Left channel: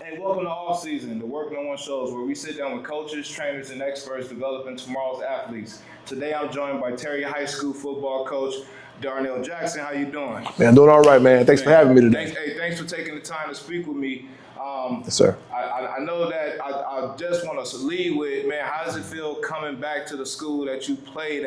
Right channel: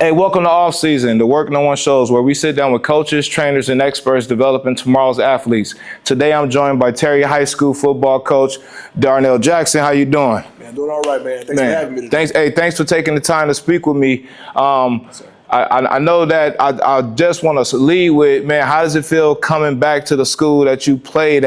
Hey, welcome to Off Season, the Work No One Shows, where we sit down with coaches, trainers, and experts developing tomorrow's athletes. Today, I'm joined by Terry High School football coach Darnell Jackson. How you doing? Man, doing all right, man. Thanks for having me today. Thanks for taking the time to speak with me. Yes, sir. I know that I just want to lead with, man, how does it feel coming back to the school that you played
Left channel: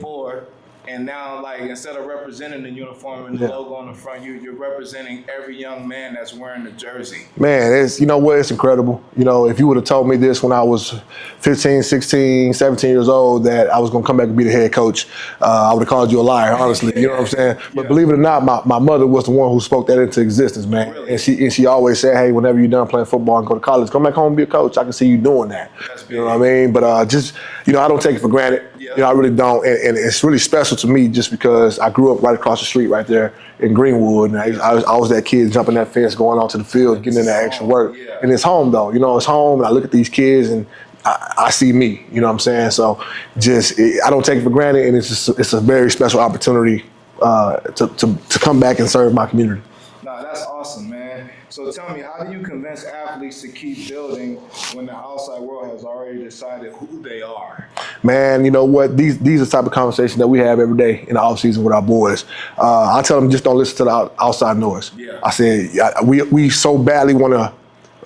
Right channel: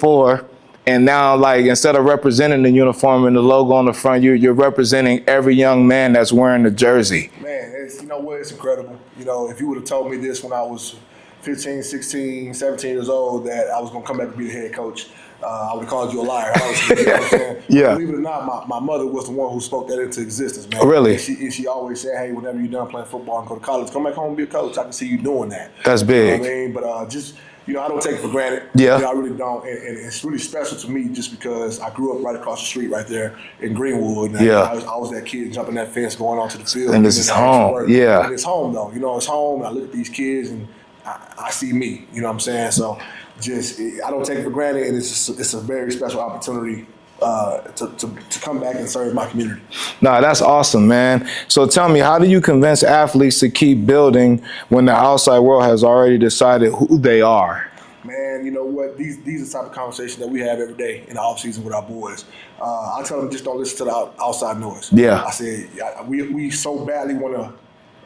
for? And now, like, instead of representing the uniform and the logo on the front, you're representing every young man that's wearing the jersey. Man, you know what? It's incredible. You know, if you would have told me this when I was 15, 16, 17 years old that I was going to come back and be the head coach, I would have called you a liar, honestly. You know what I'm saying? Yeah. But believe it or not, my mother was the one who spoke that into existence, man. Really? And she always said, hey, whenever you're done playing football and go to college, come back home and be a coach. I can see you doing that. That's big. You know what I mean? But just, you know, I don't take it for granted. Yeah. You know, I really don't. And it's really special to me just because I grew up right across the street right there in Greenwood. And I was that kid jumping that fence, going onto the field, and getting in that extra work. Yeah. And it's home, though. You know, it's home. And I look at these kids and I see me. You know what I'm saying? So I don't take it for granted. And it's a very special opportunity to come back and serve my community. No, that's awesome, man. So tell me, how do you convince athletes to keep building when the outside world has already decided who they are? Man, you know what? These are the type of conversations that we have every day in the offseason with our boys. I tell them just don't listen to the outside noise. Yeah. I said, we so badly want to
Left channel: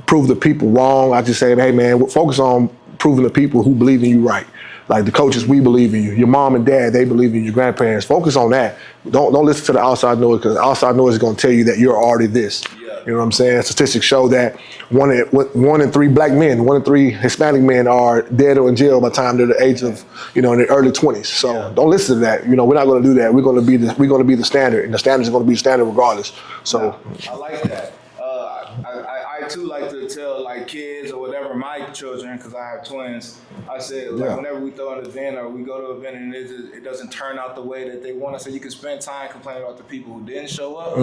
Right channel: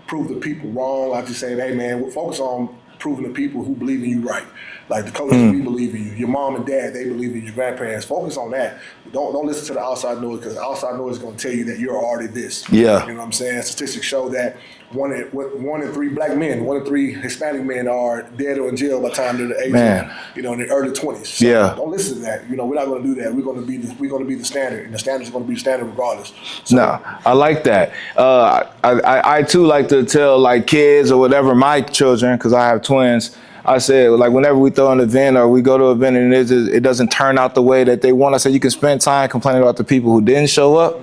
prove the people wrong. I just say, hey, man, focus on proving the people who believe in you right. Like the coaches, we believe in you. Your mom and dad, they believe in you. Your grandparents, focus on that. Don't listen to the outside noise, because the outside noise is going to tell you that you're already this. Yeah. You know what I'm saying? Statistics show that one in three black men, 1 in 3 Hispanic men are dead or in jail by the time they're the age of, you know, in their early 20s. So don't listen to that. You know, we're not going to do that. We're going to be the standard, and the standard is going to be the standard regardless. So no, I like that. I too like to tell like kids or whatever, my children, because I have twins. I said, like, whenever we throw an event or we go to an event and it doesn't turn out the way that they want, I said, you can spend time complaining about the people who didn't show up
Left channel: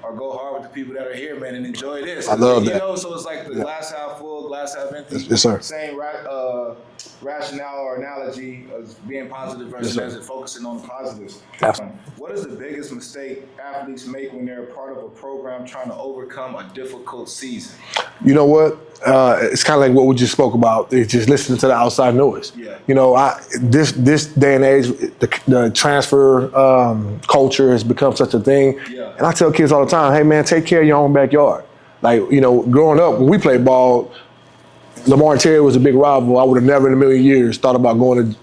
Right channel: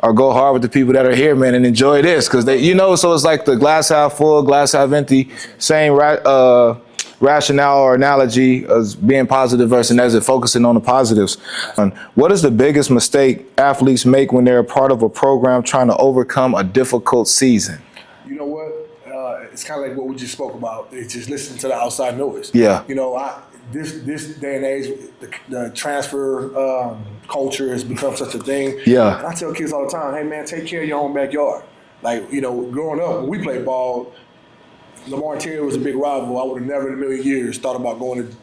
or go hard with the people that are here, man, and enjoy this. Because, you know, so it's like the glass half full, glass half empty. Yes, sir. Same rationale or analogy as being positive versus negative, focusing on the positives. What is the biggest mistake athletes make when they're a part of a program trying to overcome a difficult season? You know what? It's kind of like what we just spoke about. It's just listening to the outside noise. Yeah. You know, this day and age, the transfer culture has become such a thing. Yeah. And I tell kids all the time, hey, man, take care of your own backyard. Like, you know, growing up, when we played ball, Lamar and Terry was a big rival. I would have never in a million years thought about going and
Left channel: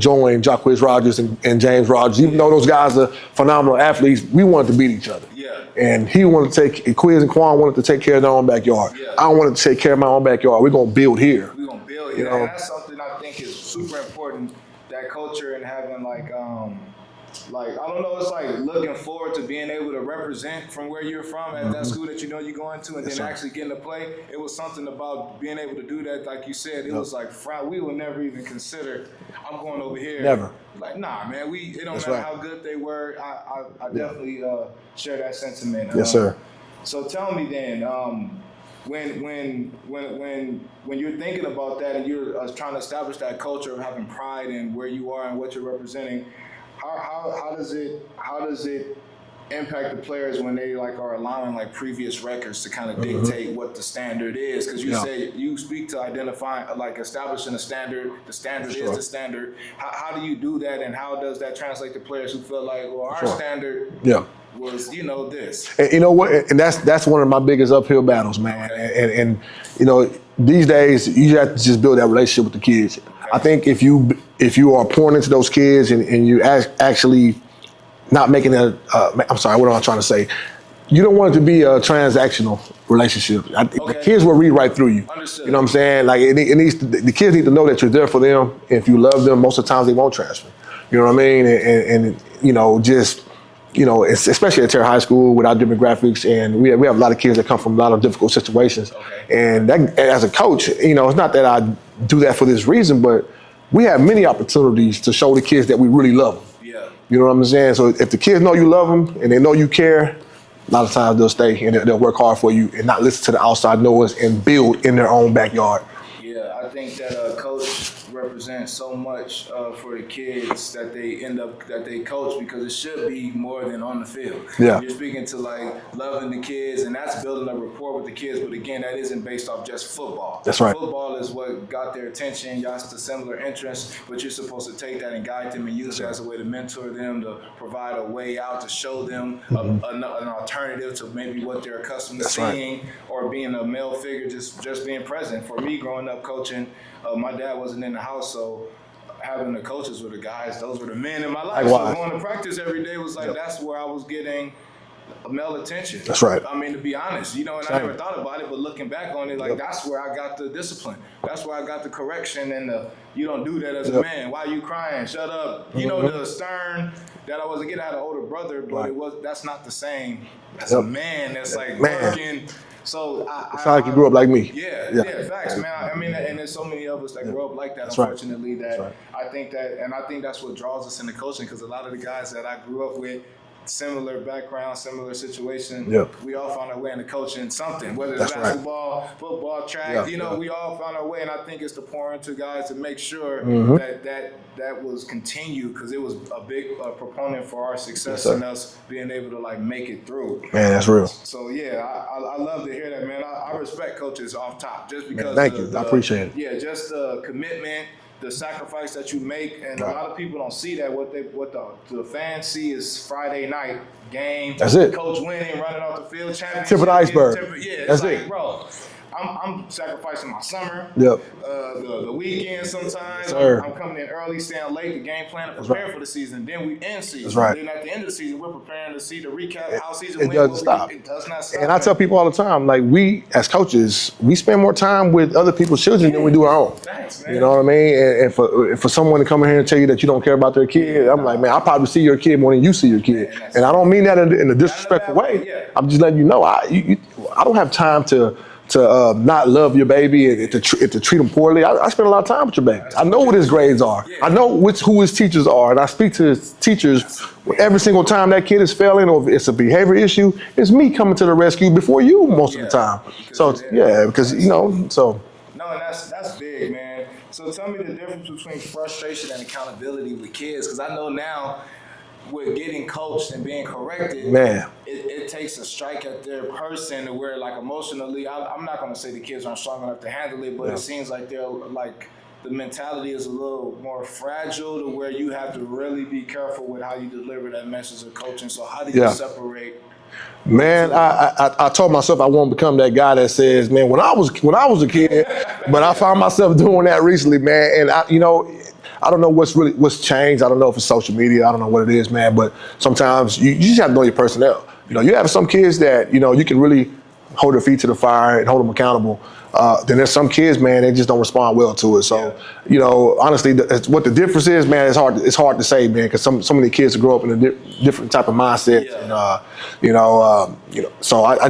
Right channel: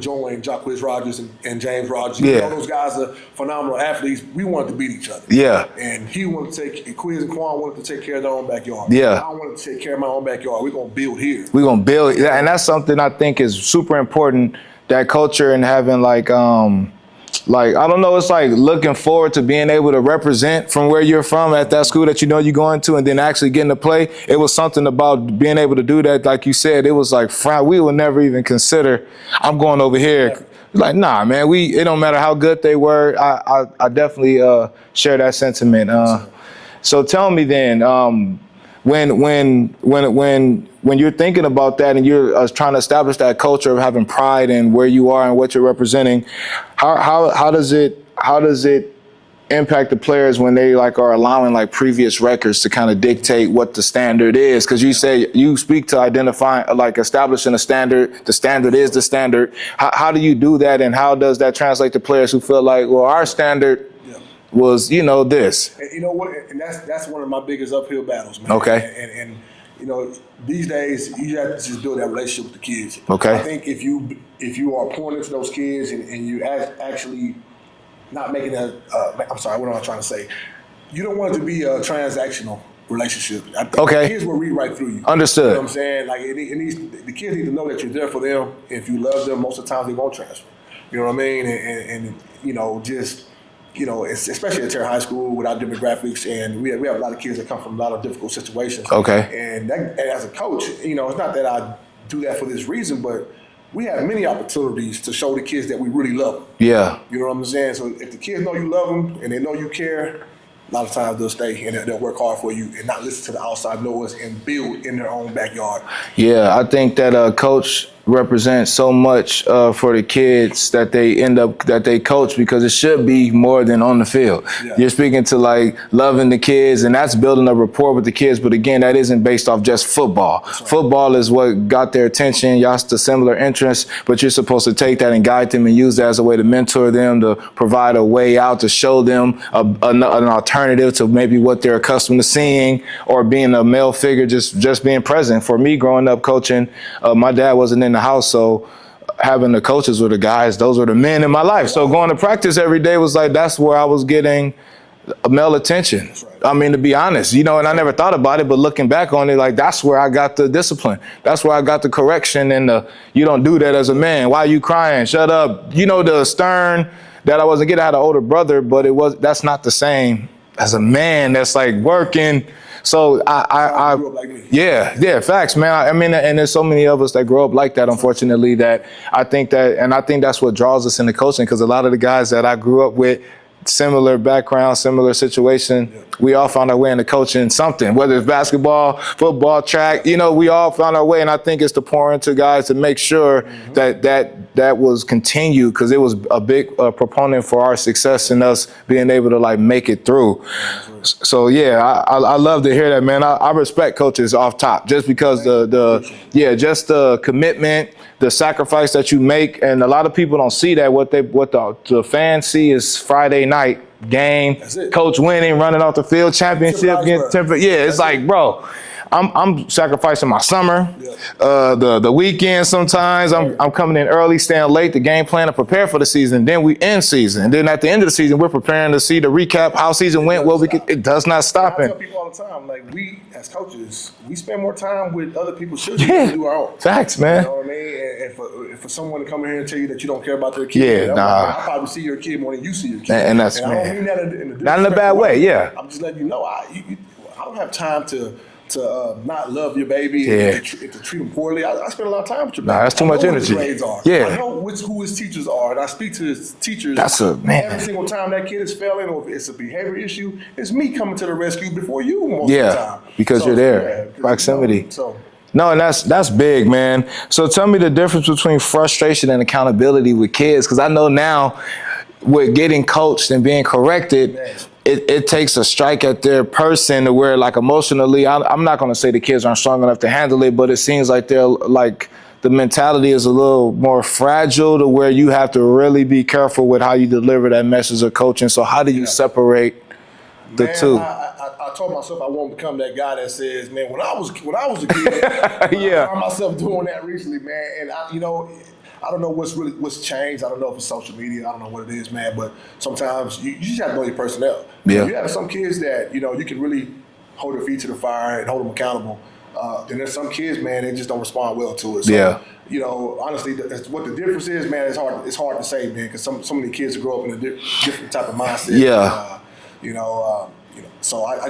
joining Jacquizz Rodgers and James Rodgers. Even though those guys are phenomenal athletes, we wanted to beat each other. Yeah. And he wanted to Quiz and Quan wanted to take care of their own backyard. Yeah. I wanted to take care of my own backyard. We're going to build here. We're going to build. You know? And that's something I think is super important, that culture, and having like, I don't know, it's like looking forward to being able to represent from where you're from at that school that you know you're going to, and then actually getting to play. It was something about being able to do that. Like you said, it was like, we would never even consider, I'm going over here. Never. Like, nah, man, it don't matter how good they were. I definitely share that sentiment. Yes, sir. So tell me then, when you're thinking about that and you're trying to establish that culture of having pride in where you are and what you're representing, how does it impact the players when they like are allowing like previous records to kind of dictate what the standard is? Because you say you speak to identifying, like establishing a standard. The standard is the standard. How do you do that, and how does that translate to players who feel like, well, our standard was, you know, this? And you know what? And that's one of my biggest uphill battles, man. Okay. And you know, these days you have to just build that relationship with the kids. Okay. I think if you are pouring into those kids and you actually not making it I'm sorry, what am I trying to say? You don't want it to be a transactional relationship. I think the kids will read right through you. Understood. You know what I'm saying? Like the kids need to know that you're there for them. If you love them, most of the times they won't transfer. You know what I mean? And you know, just, you know, especially at Terry High School with our demographics, and we have a lot of kids that come from a lot of difficult situations. Okay. And that, as a coach, you know, it's not that I do that for this reason, but we have many opportunities to show the kids that we really love them. Yeah. You know what I'm saying? So if the kids know you love them and they know you care, a lot of times they'll stay and they'll work hard for you and not listen to the outside noise and build in their own backyard. Yeah, I think that a coach represents so much for the kids that they coach, because it should be more than on the field. Yeah. You're speaking to like loving the kids, and that's building a rapport with the kids. But again, that isn't based off just football. That's right. Football is what got their attention. Y'all have similar interests, but you're supposed to take that and guide them and use that as a way to mentor them, to provide a way out, to show them an alternative to maybe what they're accustomed to seeing, or being a male figure, just being present. For me, growing up coaching, my dad wasn't in the house, so having the coaches were the guys, those were the men in my life. Wow. So going to practice every day was like, that's where I was getting male attention. That's right. I mean, to be honest, and I never thought about it, but looking back on it, like, that's where I got the discipline. That's where I got the correction and you don't do that as a man. Why are you crying? Shut up. The stern that I wasn't getting. I had an older brother, but that's not the same as a man that's like working. So I grew up like me. Yeah, facts, man. I mean, and there's so many of us that grow up like that, unfortunately, that I think that's what draws us into coaching, because a lot of the guys that I grew up with, similar background, similar situation, we all found our way into coaching something, whether it's basketball, football, track, we all found our way. And I think it's to pour into guys to make sure that was continued, because it was a big proponent for our success and us being able to like make it through. Man, that's real. So I love to hear that, man. I respect coaches off top, just because I appreciate it. Just the commitment, the sacrifice that you make, and a lot of people don't see that. What the fans see is Friday night game, that's it. Coach winning, running off the field, championship. It's like, bro, I'm sacrificing my summer, the weekend sometimes. I'm coming in early, staying late, the game plan to prepare for the season. Then we end season. Then at the end of the season, we're preparing to see the recap, how season went. It does not stop. And I tell people all the time, like, we as coaches, we spend more time with other people's children than we do our own. Facts, man. You know what I mean? And for someone to come in here and tell you that you don't care about their kid, I'm like, man, I probably see your kid more than you see your kid. And I don't mean that in a disrespectful not in a bad way. Yeah. I'm just letting you know, I don't have time to not love your baby and to treat them poorly. I spend a lot of time with your baby. That's too much energy. I know what his grades are. Yeah. I know who his teachers are, and I speak to his teachers every single time that kid is failing or if it's a behavior issue. It's me coming to the rescue before you most of the time. Because you're there. Yeah, because proximity. No, and that's big, man. So tell me the difference between frustration and accountability with kids, because I know now, with getting coached and being corrected, man, it takes a strike at their person to where, like, emotionally, I'm not going to say the kids aren't strong enough to handle it, but it seems like they're like, the mentality is a little more fragile to where you have to really be careful with how you deliver that message of coaching. So how do you separate the two? I told myself I won't become that guy that says, man, when I was a kid, but I found myself doing that recently, man, and I don't know what's changed. I don't know if it's social media. I don't know what it is, man. But sometimes you just have to know your personnel. You have some kids that you can really hold their feet to the fire and hold them accountable. Then there's some kids, man, they just don't respond well to it. So honestly, what the difference is, man, it's hard to say, man, because so many kids grow up in a different type of mindset. So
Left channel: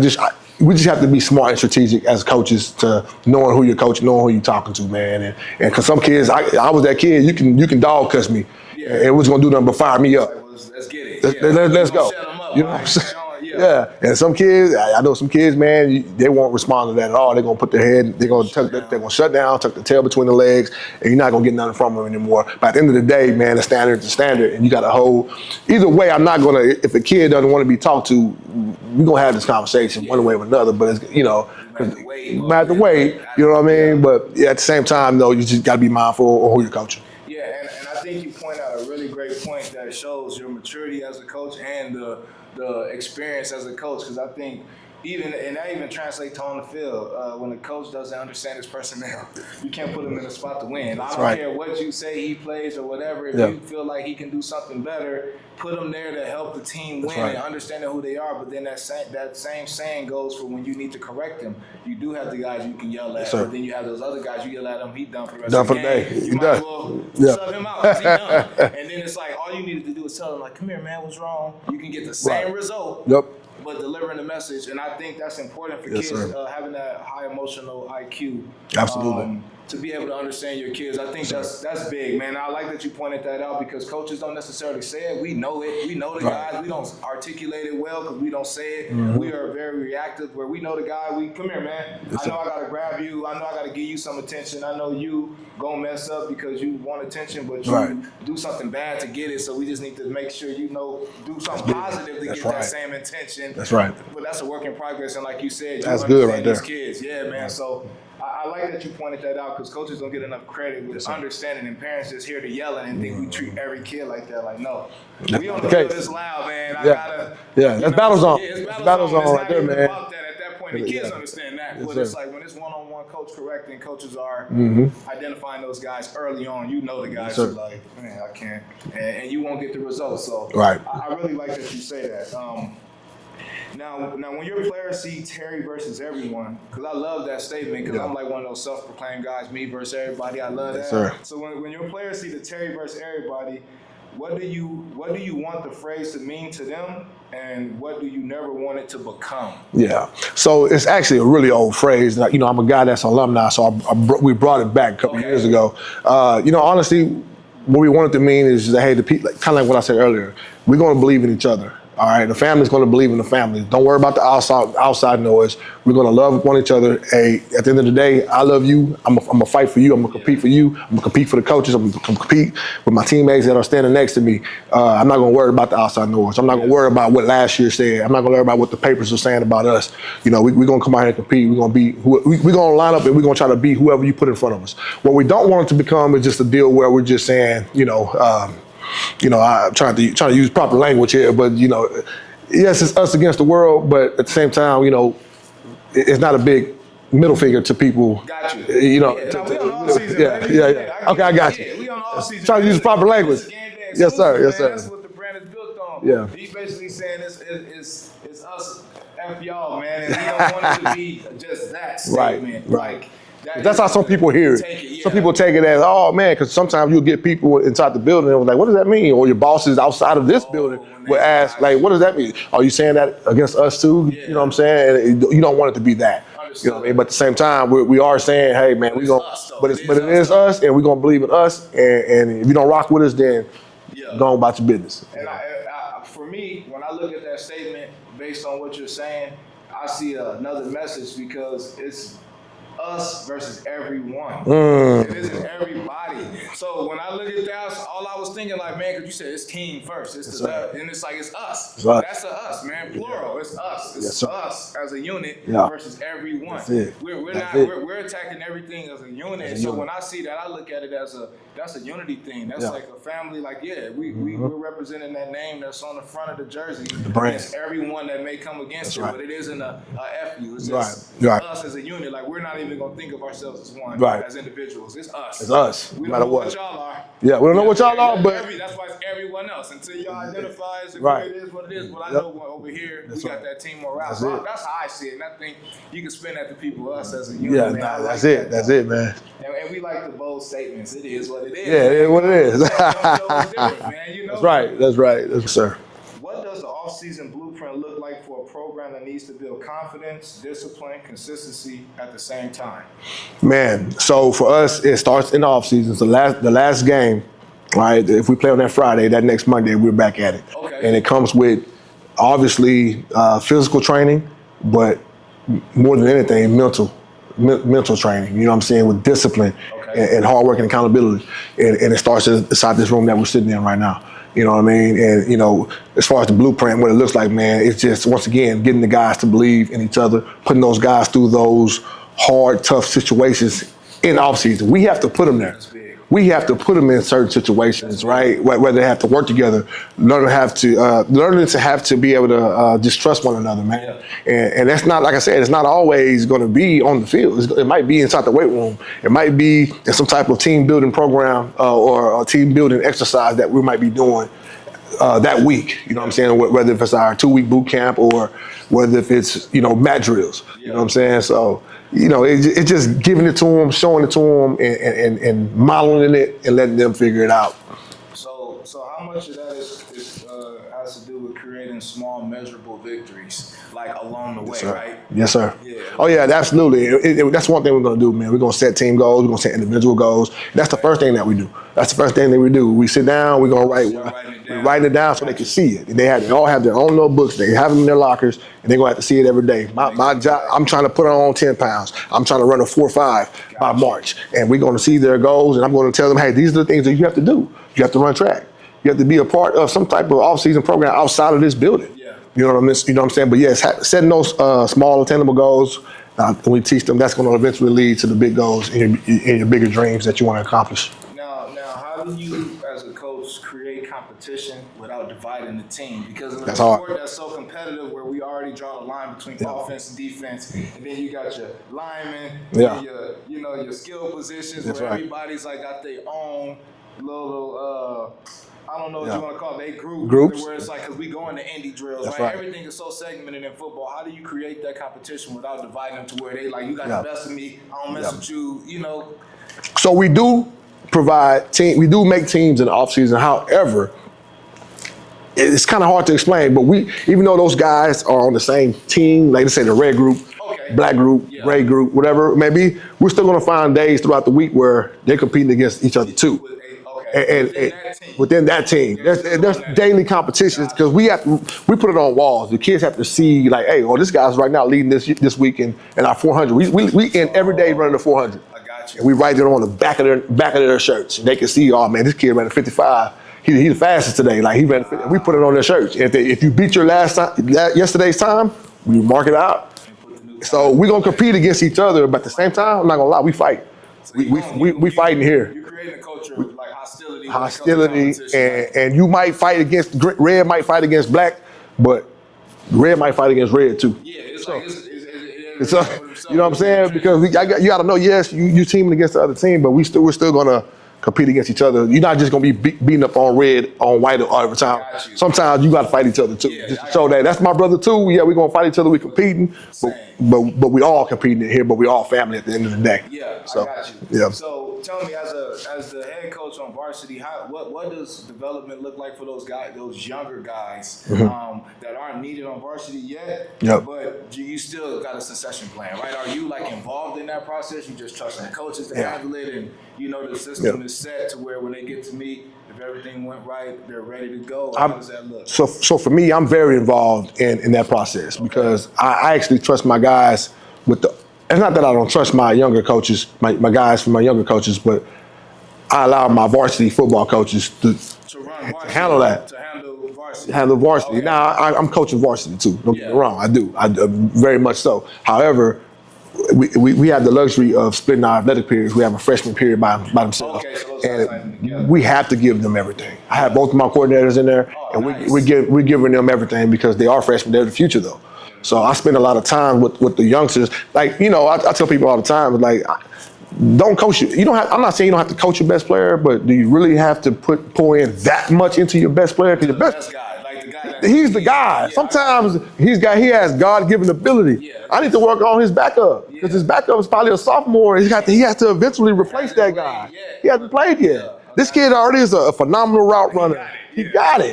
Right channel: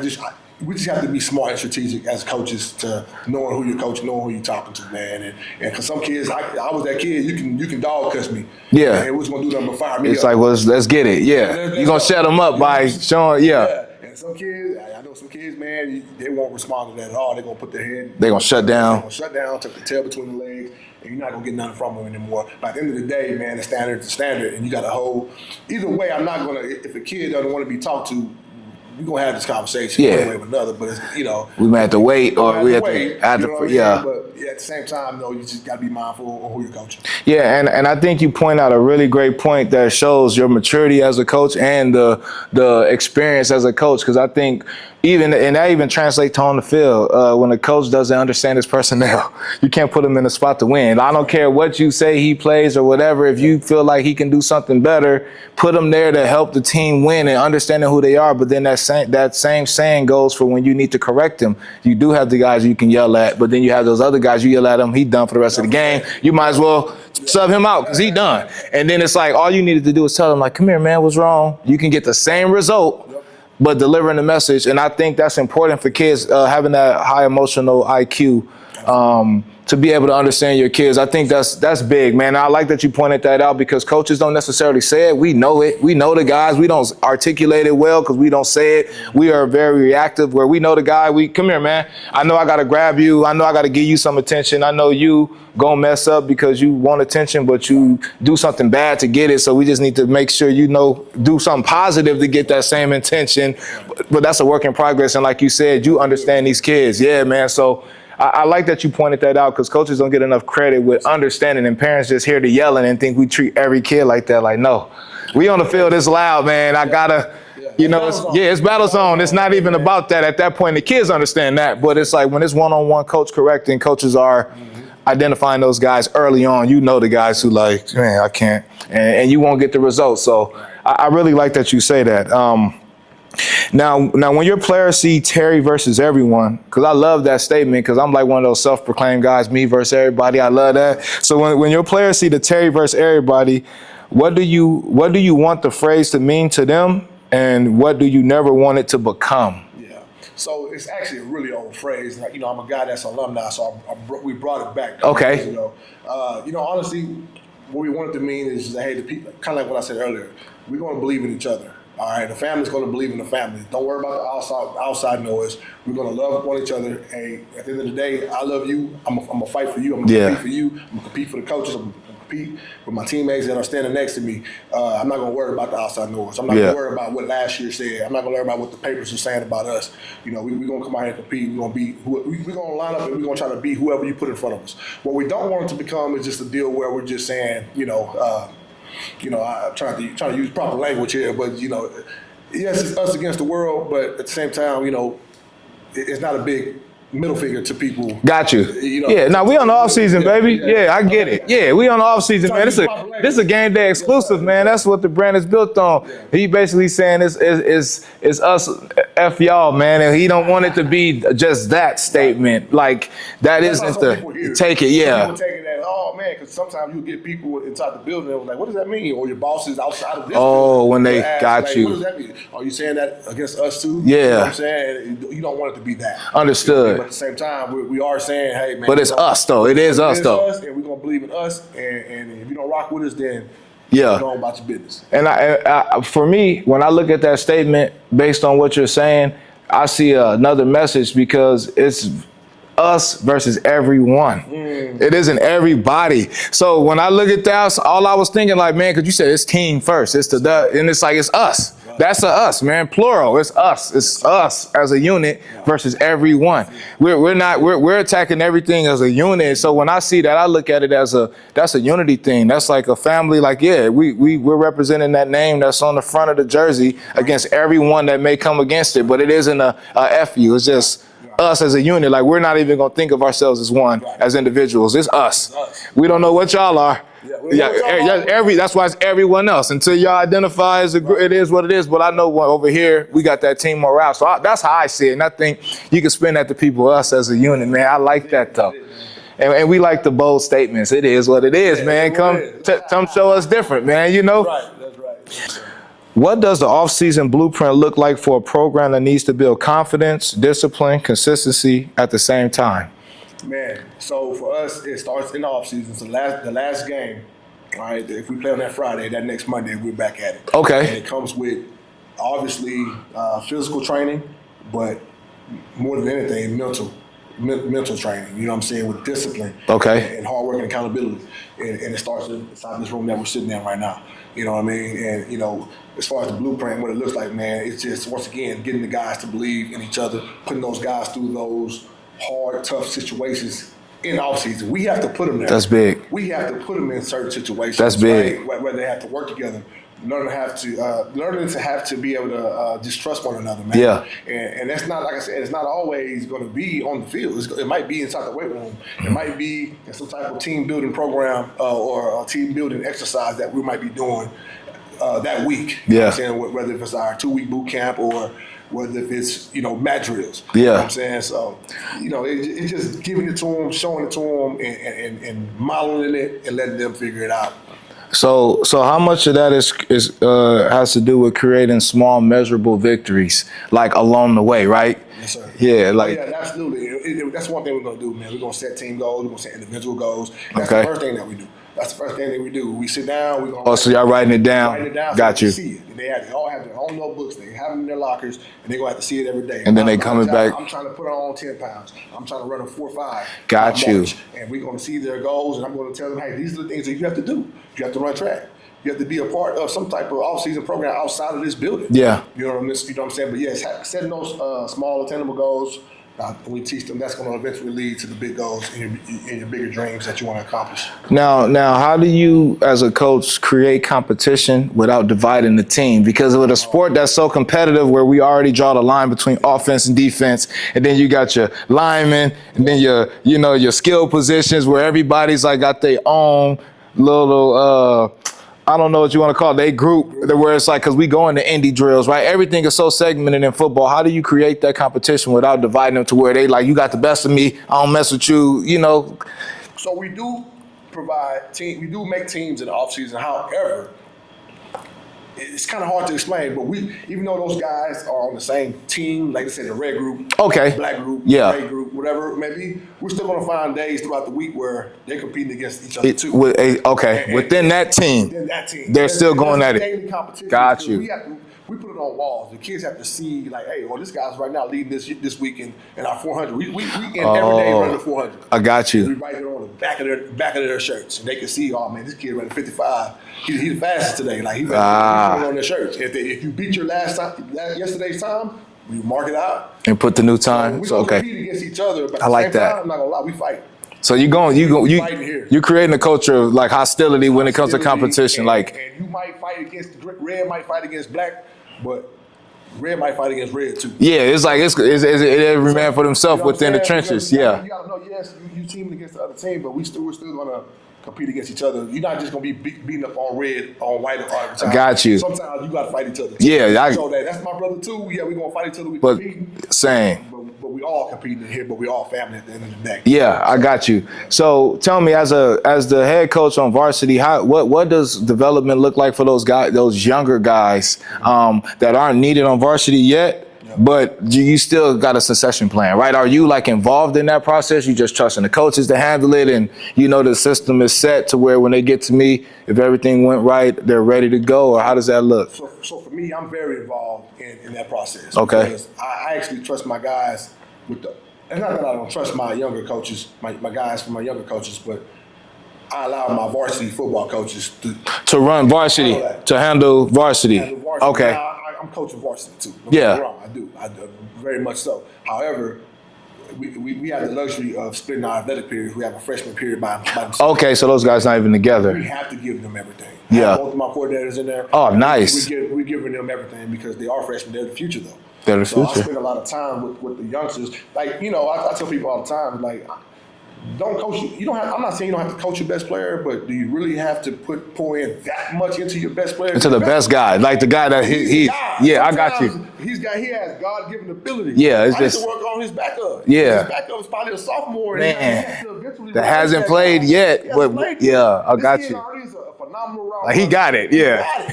we just have to be smart and strategic as coaches to knowing who you're coaching, knowing who you're talking to, man. And because some kids, I was that kid, you can dog cuss me. Yeah. And what's going to do nothing but fire me up. It's like, well, let's get it. Yeah. You're going to shut them up by showing, And some kids, I know some kids, man, they won't respond to that at all. They're going to put their head, they're going to shut down. They're going to shut down, tuck the tail between the legs, and you're not going to get nothing from them anymore. But at the end of the day, man, the standard is the standard, and you got to hold. Either way, I'm not going to, if a kid doesn't want to be talked to, we're going to have this conversation one way or another, but we might have to wait. You know what I mean? Yeah. But at the same time, though, you just got to be mindful of who you're coaching. Yeah, and I think you point out a really great point that shows your maturity as a coach and the experience as a coach, because I think that even translates on the field. When a coach doesn't understand his personnel, you can't put him in a spot to win. I don't care what you say he plays or whatever. If you feel like he can do something better, put him there to help the team win and understanding who they are. But then that same saying goes for when you need to correct them. You do have the guys you can yell at, but then you have those other guys, you yell at him, he done for the rest of the game. You might as well sub him out because he done. And then it's like all you needed to do is tell him, like, come here, man, what's wrong? You can get the same result. But delivering the message, and I think that's important for kids, having that high emotional IQ. to be able to understand your kids. I think that's big, man. I like that you pointed that out because coaches don't necessarily say it. We know it. We know the guys. We don't articulate it well because we don't say it. Mm-hmm. We are very reactive where we know the guy. We come here, man. I know I got to grab you. I know I got to give you some attention. I know you gonna mess up because you want attention, but you do something bad to get it. So we just need to make sure do something positive to get that same intention. That's right. But that's a work in progress. And like you said, you understand these kids. Yeah, man. So I like that you pointed that out because coaches don't get enough credit with understanding, and parents just hear the yelling and think we treat every kid like that. Like, no, we on the field is loud, man. I gotta, you know, it's battle zone. It's not even about that. At that point, the kids understand that, but it's like when it's one-on-one coach correcting, coaches are identifying those guys early on. You know the guys who like, man, I can't, and you won't get the results. So I really like that you say that. Now, when your players see Terry versus everyone, because I love that statement, because I'm like one of those self-proclaimed guys, me versus everybody. I love that. So when your players see the Terry versus everybody, what do you want the phrase to mean to them, and what do you never want it to become? Yeah. So it's actually a really old phrase. You know, I'm a guy that's alumni, so we brought it back a couple years ago. You know, honestly, what we want it to mean is that, hey, the people, kind of like what I said earlier, we're going to believe in each other. All right, the family's going to believe in the family. Don't worry about the outside noise. We're going to love one each other. Hey, at the end of the day, I love you. I'm going to fight for you. I'm going to compete for you. I'm going to compete for the coaches. I'm going to compete with my teammates that are standing next to me. I'm not going to worry about the outside noise. I'm not going to worry about what last year said. I'm not going to worry about what the papers are saying about us. You know, we're going to come out here and compete. We're going to line up and we're going to try to beat whoever you put in front of us. What we don't want it to become is just a deal where we're just saying, I'm trying to use proper language here, but yes, it's us against the world, but at the same time, it's not a big middle finger to people. Got you. Now we on the off season, baby. Yeah, I get it. Yeah, we on the off season, man. This is a game day exclusive, man. That's what the brand is built on. Yeah. He basically saying it's us F y'all, man, and he don't want it to be just that statement. Like that's how some people hear it. Take it. Yeah. Some people take it as, oh man, because sometimes you'll get people inside the building and like, what does that mean? Or your boss is outside of this building. Oh, when they ask, like, what does that mean? Are you saying that against us too? Yeah. You know what I'm saying? You don't want it to be that. Understood. But at the same time, we are saying, hey, man. But it's us, though. It is us, and we're going to believe in us. And if you don't rock with us, then go about your business. And for me, when I look at that statement, based on what you're saying, I see another message because it's us versus everyone. It isn't everybody. So when I look at that, all I was thinking like, man, because you said it's team first. It's and it's like, it's us. Right. That's us, man. Plural. It's us. It's us as a unit versus everyone. We're attacking everything as a unit. So when I see that, I look at it as that's a unity thing. That's like a family. Like, we're representing that name that's on the front of the jersey against everyone that may come against it. But it isn't a F you. It's just us as a unit. Like, we're not even gonna think of ourselves as one, as individuals. It's us. It's us. We don't know what y'all are. Yeah, we don't know what y'all are. That's why it's everyone else. Until y'all identify as it is what it is. But I know over here, we got that team morale. So that's how I see it. And I think you can spin that to people, us as a unit, man. I like that, though. That's it, man. And we like the bold statements. It is what it is, man. Come show us different, man, Right, that's right. Yes, sir. What does the offseason blueprint look like for a program that needs to build confidence, discipline, consistency at the same time? Man, so for us, it starts in the offseason. So the last game, right? If we play on that Friday, that next Monday, we're back at it. Okay. And it comes with, obviously, physical training, but more than anything, mental training, you know what I'm saying, with discipline and hard work and accountability. And it starts inside this room that we're sitting in right now. You know what I mean? And, as far as the blueprint, what it looks like, man, it's just, once again, getting the guys to believe in each other, putting those guys through those hard, tough situations in offseason. We have to put them there. That's big. We have to put them in certain situations. That's big. Right? Where they have to work together, learning to have to be able to just trust one another, man. Yeah. And that's not, like I said, it's not always going to be on the field. It might be inside the weight room. It might be in some type of team building program or a team building exercise that we might be doing that week. You know what I'm saying? Whether if it's our 2-week boot camp or whether if it's, mat drills. Yeah. You know what I'm saying? So, it's just giving it to them, showing it to them, and modeling it and letting them figure it out. So how much of that is has to do with creating small, measurable victories, like along the way, right? Yes, sir. Yeah. Like, absolutely. That's one thing we're going to do, man. We're going to set team goals. We're going to set individual goals. That's the first thing that we do. That's the first thing that we do. We sit down. We're going to write. So y'all writing it down? Writing it down so they can see it. They all have their own notebooks. They have them in their lockers, and they're going to have to see it every day. And then they coming back. I'm trying to put on 10 pounds. I'm trying to run a 4.5 Got you. March. And we're going to see their goals, and I'm going to tell them, hey, these are the things that you have to do. You have to run track. You have to be a part of some type of off-season program outside of this building. Yeah. You know what I'm saying? But yes, setting those small attainable goals, we teach them, that's going to eventually lead to the big goals in your bigger dreams that you want to accomplish. Now, how do you, as a coach, create competition without dividing the team? Because with a sport that's so competitive, where we already draw the line between offense and defense, and then you got your linemen, and then your skill positions, where everybody's like got their own little. I don't know what you want to call it. They groups where it's like, because we go into indie drills, right? Everything is so segmented in football. How do you create that competition without dividing them to where they like, you got the best of me, I don't mess with you, So we do provide we do make teams in the offseason. However, it's kind of hard to explain, but even though those guys are on the same team, like let's say the red group, black group, gray group, whatever it may be, we're still going to find days throughout the week where they're competing against each other too. Within that team, they're still going at it. Daily competitions, because we put it on walls. The kids have to see like, hey, this guy's right now leading this week in our 400. We end every day running the 400. I got you. We write it on the back of their shirts, and they can see, oh man, this kid ran a 55. He's the fastest today. Like we put it on their shirts. If you beat your yesterday's time, we mark it out and put the new time. So we're gonna compete against each other, but at the same time, I'm not gonna lie, we fight. So you fighting here. You're creating a culture of like hostility when it comes to competition. And you might fight against red, might fight against black, but red might fight against red too. Yeah, it's like it's every man for themselves within the trenches. Because you got to know, yes, you teaming against the other team, but we're still gonna compete against each other. You're not just gonna be beating up on red, on white all the time. Got you. Sometimes you gotta fight each other too. Yeah, so that's my brother too. Yeah, we're gonna fight each other. We competing. Same. But we all competing here. But we all family at the end of the day. Yeah, I got you. Yeah. So tell me, as the head coach on varsity, what does development look like for those guys, those younger guys that aren't needed on varsity yet? Yeah. But you still got a succession plan, right? Are you like involved in that process? You just trusting the coaches to handle it, and the system is set to where when they get to me, if everything went right, they're ready to go? Or how does that look? So for me, I'm very involved in that process because I actually trust my guys with the. It's not that I don't trust my younger coaches, my guys from my younger coaches, but I allow my varsity football coaches to run varsity, to handle varsity. Okay. Now I'm coaching varsity too. Don't get me wrong, I do very much so. However, we have the luxury of splitting our athletic periods. We have a freshman period by themselves. Okay, so those guys not even together. We have to give them everything. I have both of my coordinators in there. Oh, nice. We're giving them everything because they are freshmen. They're the future though. I spend a lot of time with the youngsters. Like I tell people all the time, like. Don't coach you. I'm not saying you don't have to coach your best player, but do you really have to pour in that much into your best player? To the best guy, like the guy that he's the guy. Yeah, sometimes I got you. He has God-given ability. Yeah, I need to work on his backup. Yeah, his backup is probably a sophomore, and he has to eventually replace hasn't that played guy. yet. He hasn't played yet. Yeah, this kid already is a phenomenal route runner. He got it. Yeah,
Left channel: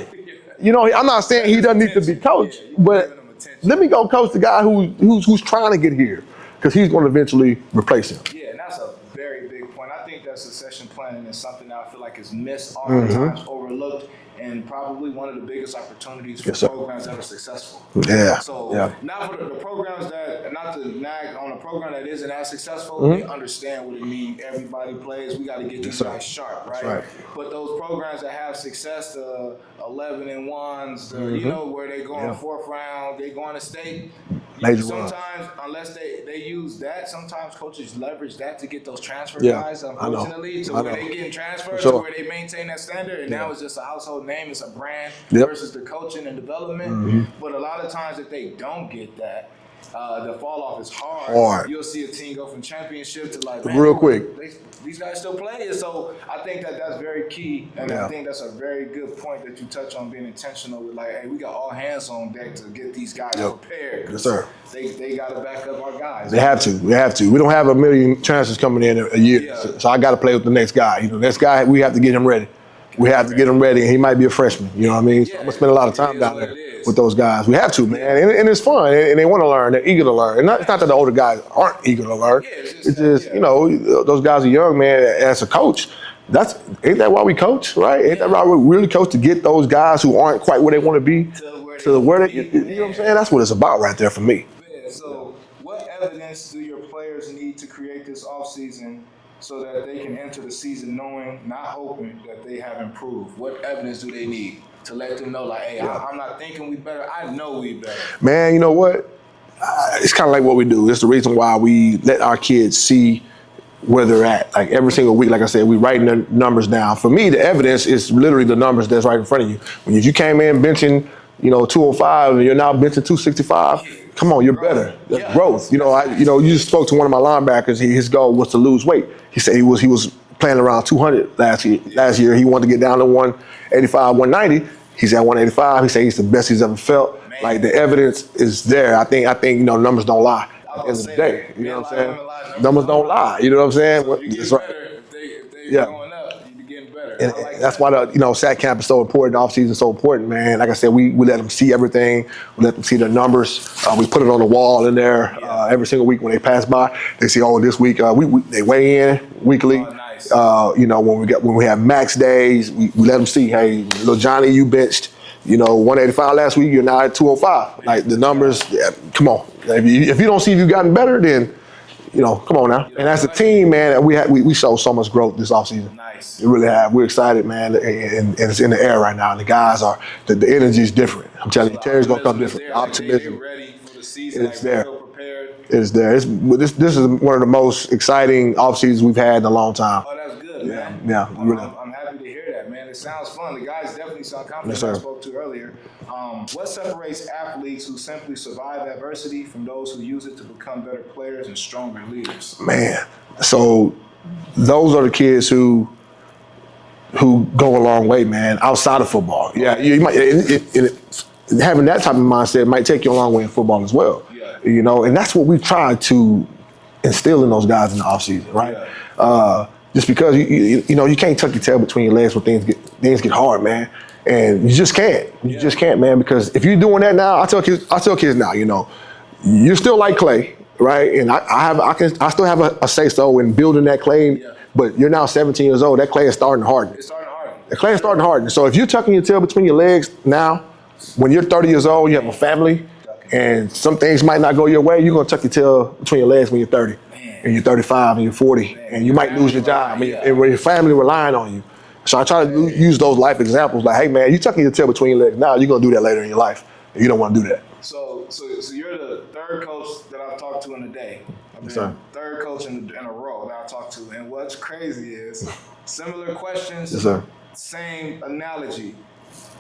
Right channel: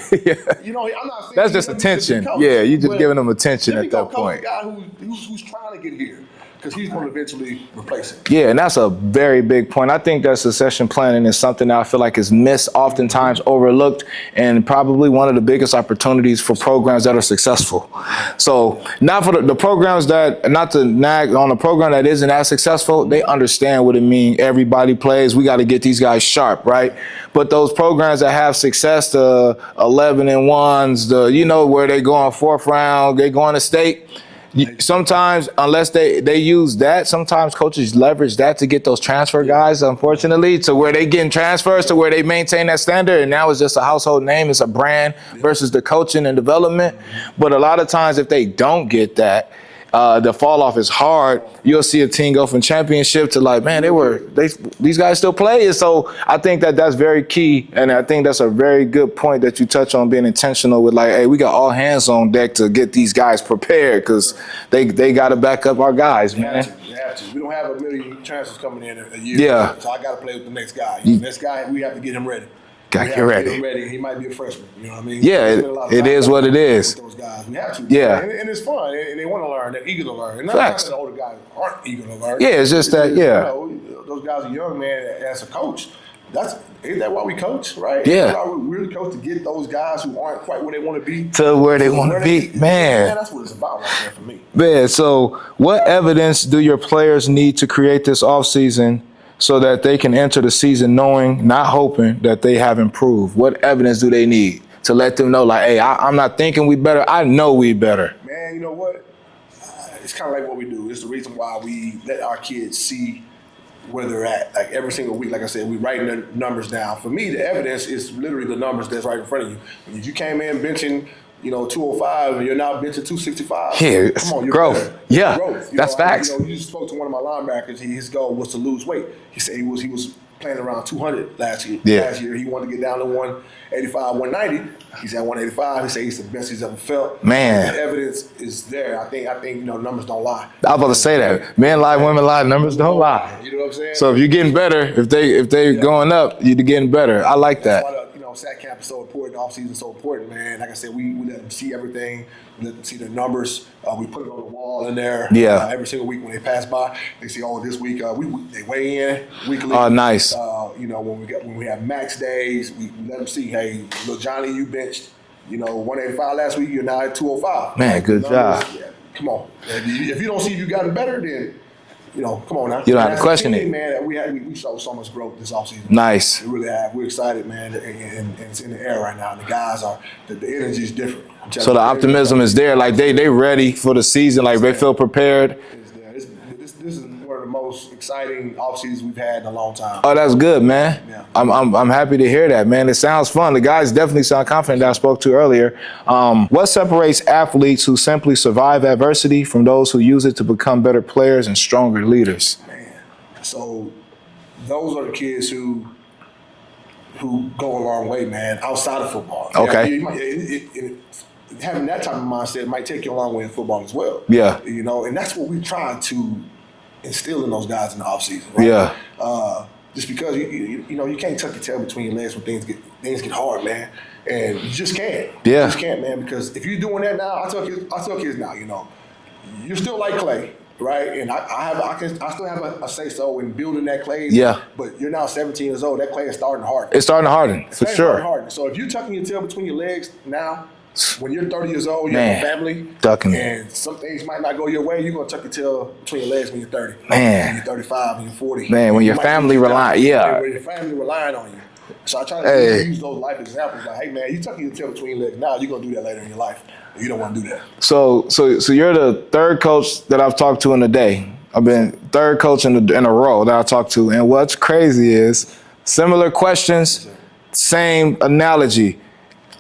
he got it. I'm not saying he doesn't need to be coached. Yeah, you just giving him attention. Let me go coach the guy who's trying to get here. Because he's going to eventually replace him. Yeah, and that's a very big point. I think that succession planning is something that I feel like is missed, oftentimes overlooked, and probably one of the biggest opportunities for programs that are successful. Yeah. So not for the programs that, not to nag on a program that isn't as successful, they understand what it means. Everybody plays. We got to get these guys sharp, right? But those programs that have success, the 11-1s, where they go on fourth round, they go on to state. Sometimes, unless they use that, sometimes coaches leverage that to get those transfer guys, unfortunately, to where they getting transfers, to where they maintain that standard, and now it's just a household name, it's a brand versus the coaching and development. But a lot of times, if they don't get that, the fall off is hard. You'll see a team go from championship to like, man, these guys still play. And so I think that's very key. And I think that's a very good point that you touch on, being intentional with like, hey, we got all hands on deck to get these guys prepared because they got to back up our guys. They have to. We don't have a million transfers coming in a year. Yeah. So I got to play with the next guy. Next guy, we have to get him ready. we have to get him ready, and he might be a freshman. You know what I mean? Yeah, spend a lot of time it is what it is with those guys. We have to, man. Yeah, and it's fun, and they want to learn. They're eager to learn. And not that the older guys aren't eager to learn. Yeah, it's just that. Yeah, you know, those guys are young, man. As a coach, isn't that why we coach, right? Yeah, isn't that why we really coach, to get those guys who aren't quite where they want to be to where they want to be. Man, that's what it's about right there for me. Man, so what evidence do your players need to create this offseason so that they can enter the season knowing, not hoping, that they have improved? What evidence do they need to let them know, like, hey, I'm not thinking we better, I know we better? Man, you know what? It's kind of like what we do. It's the reason why we let our kids see where they're at. Like every single week, like I said, we writing the numbers down. For me, the evidence is literally the numbers that's right in front of you. If you came in benching, 205 and you're now benching 265. Yeah, come on, you're growth. Better. Yeah, growth. That's facts. You just spoke to one of my linebackers. His goal was to lose weight. He said he was playing around 200 last year. Yeah. Last year he wanted to get down to 185, 190. He's at 185. He said he's the best he's ever felt. Man, like, the evidence is there. I think numbers don't lie. I was about to say that. Men lie, women lie, numbers don't lie. You know what I'm saying? So if you're getting better, if they're going up, you're getting better. I like that. That's why the SAT camp is so important. The offseason is so important, man. Like I said, we let them see everything. We let them see the numbers. We put it on the wall in there. Yeah. Every single week when they pass by, they see, this week they weigh in weekly. Oh, nice. When we have max days, we let them see, hey, little Johnny, you benched 185 last week, you're now at 205. Man, like the numbers, come on. If you don't see you've gotten better, then come on now. You don't have to question team, it. man, we showed so much growth this offseason. Nice. We really have. We're excited, man, and it's in the air right now. And the guys the energy is different. I'm telling so you, the optimism is there. Like they ready for the season. Like they feel prepared. It's there. This is one of the most exciting off seasons we've had in a long time. Oh, that's good, man. Yeah. I'm happy to hear that, man. It sounds fun. The guys definitely sound confident that I spoke to earlier. What separates athletes who simply survive adversity from those who use it to become better players and stronger leaders? Man, so those are the kids who go a long way, man, outside of football. Okay. You might, having that type of mindset might take you a long way in football as well. Yeah. And that's what we try to instill in those guys in the offseason, right? Yeah. Just because you can't tuck your tail between your legs when things get hard, man. And you just can't. Yeah. You just can't, man, because if you're doing that now, I tell kids now, you're still like clay. Right, and I still have a say so in building that clay. Yeah. But you're now 17 years old. That clay is starting to harden. It's starting to harden. The clay is starting to harden. So if you're tucking your tail between your legs now, when you're 30 years old, you have a family, and some things might not go your way, you're gonna tuck your tail between your legs when you're 30. Man. And you're 35 and you're 40. Man, when your family and when your family relying on you. So I try to use those life examples. Like, hey man, you tucking your tail between your legs now. You're gonna do that later in your life. You don't want to do that. So you're the third coach that I've talked to in a day. I've been third coach in a row that I talked to. And what's crazy is similar questions, same analogy.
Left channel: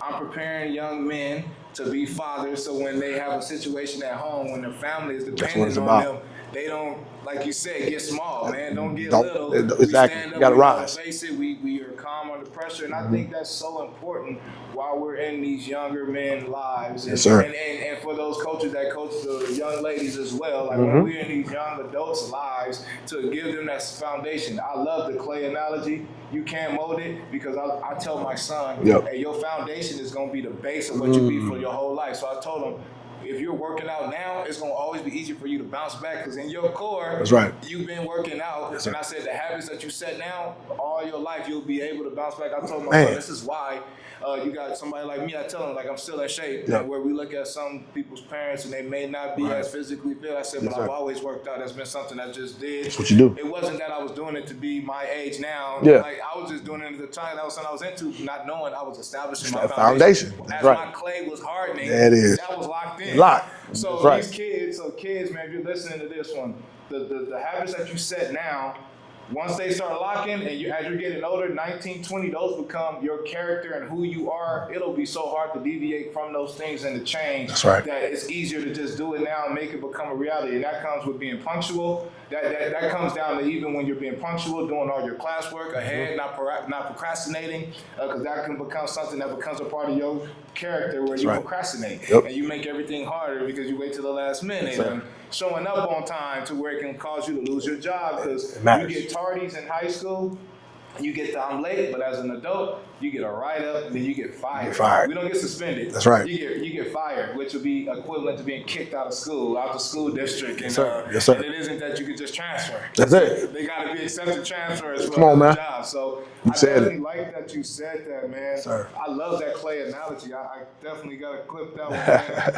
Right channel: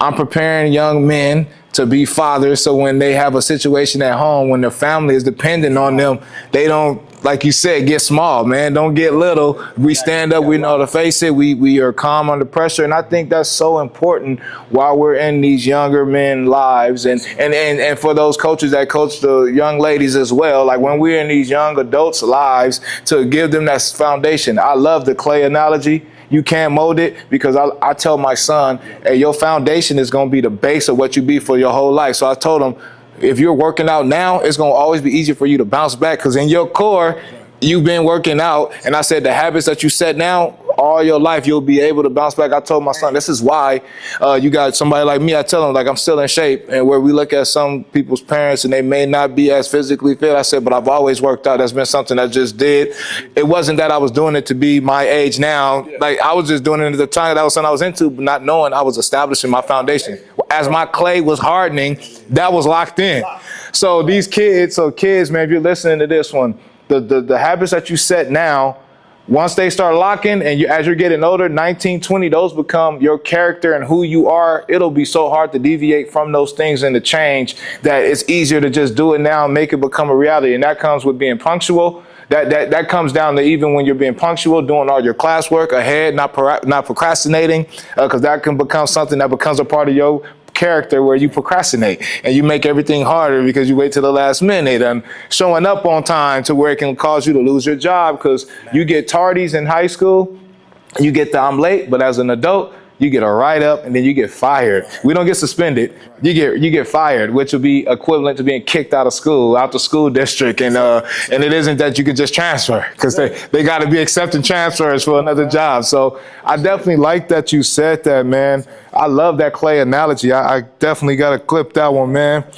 I'm preparing young men to be fathers, so when they have a situation at home, when their family is dependent on them, they don't, like you said, get small, man. Don't get little. Exactly. We stand up, we know to face it. We are calm under pressure. And I think that's so important while we're in these younger men lives. And for those coaches that coach the young ladies as well, like when we're in these young adults' lives, to give them that foundation. I love the clay analogy. You can't mold it, because I tell my son, hey, your foundation is going to be the base of what you be for your whole life. So I told him, if you're working out now, it's going to always be easier for you to bounce back, because in your core, you've been working out. And I said the habits that you set now, all your life, you'll be able to bounce back. I told my son, this is why you got somebody like me. I tell him, like, I'm still in shape. And where we look at some people's parents and they may not be as physically fit, I said, but I've always worked out. That's been something I just did. It wasn't that I was doing it to be my age now. Like, I was just doing it at the time that was something I was into, but not knowing I was establishing my foundation. As my clay was hardening, that was locked in. So these kids, man, if you're listening to this one, the habits that you set now, once they start locking, and as you're getting older, 19, 20, those become your character and who you are. It'll be so hard to deviate from those things and to change that it's easier to just do it now and make it become a reality. And that comes with being punctual. That comes down to, even when you're being punctual, doing all your classwork ahead, not procrastinating, because that can become something that becomes a part of your character, where you procrastinate and you make everything harder because you wait till the last minute, and showing up on time to where it can cause you to lose your job, because you get tardies in high school, you get the I'm late, but as an adult, you get a write-up, and then you get fired. We don't get suspended. That's right. You get fired, which would be equivalent to being kicked out of school, out the school district, and and it isn't that you can just transfer, because they got to be accepting transfers for another job. So I definitely like that you said that, man. I love that Clay analogy. I definitely got to clip that one, man.